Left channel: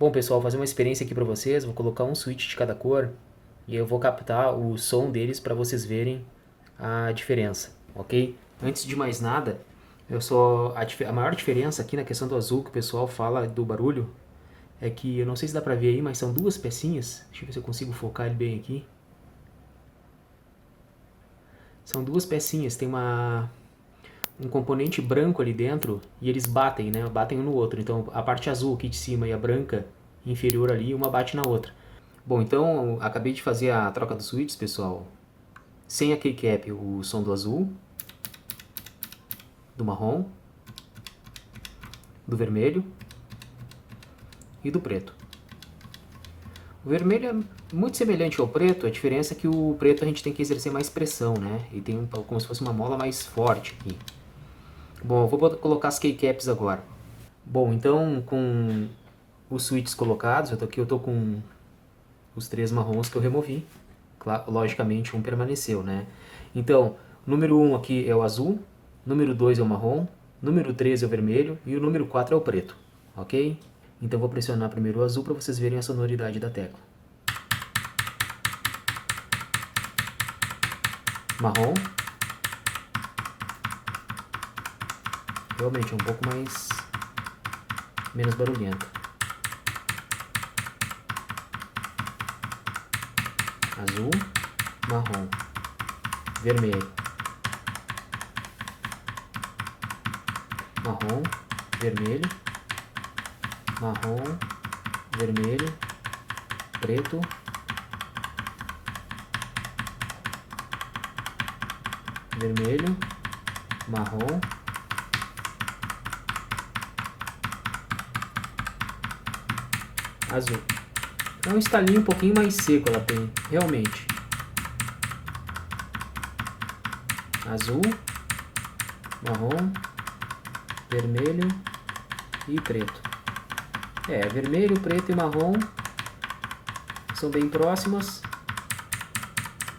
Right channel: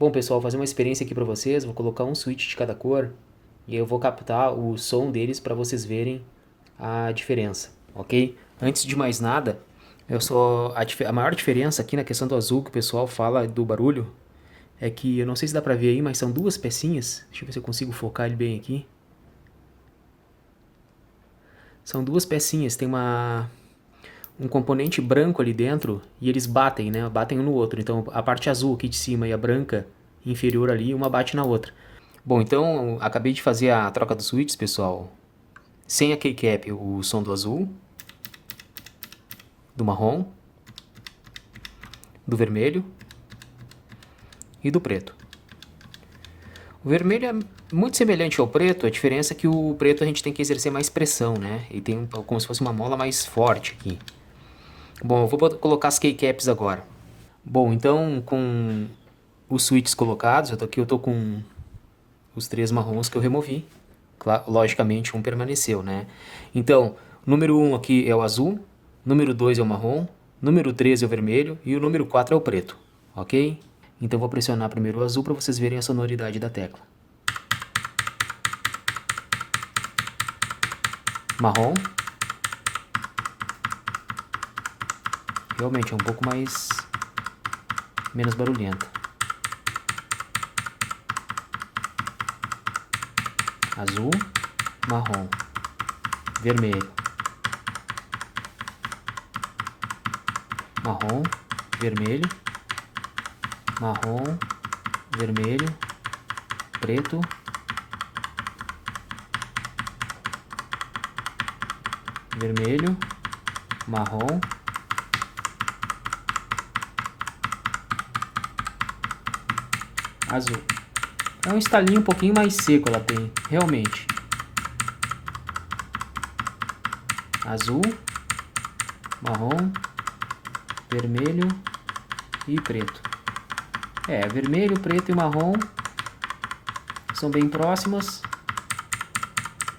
Bom, pessoal, vou fazer uma experiência aqui para vocês. Vou colocar um switch de cada cor e eu vou captar o som deles para vocês verem a diferença, ok? Antes de mais nada, a maior diferença aqui na questão do azul que o pessoal fala do barulho é que, eu não sei se dá para ver aí, mas são duas pecinhas. Deixa eu ver se eu consigo focar ele bem aqui. São duas pecinhas, tem um componente branco ali dentro e eles batem, né? Batem um no outro. Então a parte azul aqui de cima e a branca inferior ali, uma bate na outra. Bom, então acabei de fazer a troca dos switches, pessoal. Sem a keycap, o som do azul, do marrom, do vermelho e do preto. O vermelho é muito semelhante ao preto, a diferença é que o preto a gente tem que exercer mais pressão, né? E tem como se fosse uma mola mais forte aqui. Bom, eu vou colocar as keycaps agora. Bom, então com os switches colocados, eu tô com os três marrons que eu removi. Logicamente um permaneceu, né? Então, número 1 aqui é o azul, número 2 é o marrom, número 3 é o vermelho e o número 4 é o preto, ok? Então vou pressionar primeiro o azul para vocês verem a sonoridade da tecla. Marrom. Realmente é um pouco menos barulhento. Azul, marrom, vermelho, marrom, vermelho, marrom, vermelho, preto, vermelho, marrom, azul. É um estalinho um pouquinho mais seco ela tem, realmente. Azul, marrom, vermelho e preto. Vermelho, preto e marrom são bem próximos.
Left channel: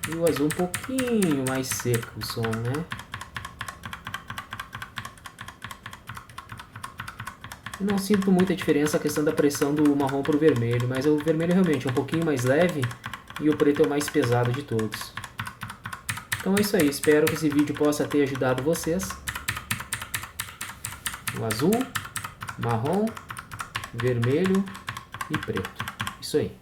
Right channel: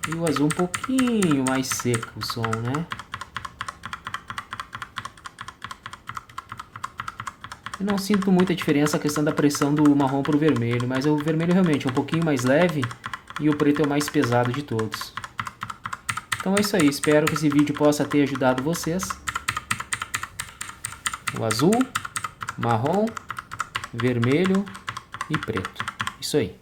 E o azul um pouquinho mais seco o som, né? Eu não sinto muita diferença a questão da pressão do marrom para o vermelho, mas o vermelho realmente é um pouquinho mais leve e o preto é o mais pesado de todos. Então é isso aí, espero que esse vídeo possa ter ajudado vocês. O azul, marrom, vermelho e preto. Isso aí.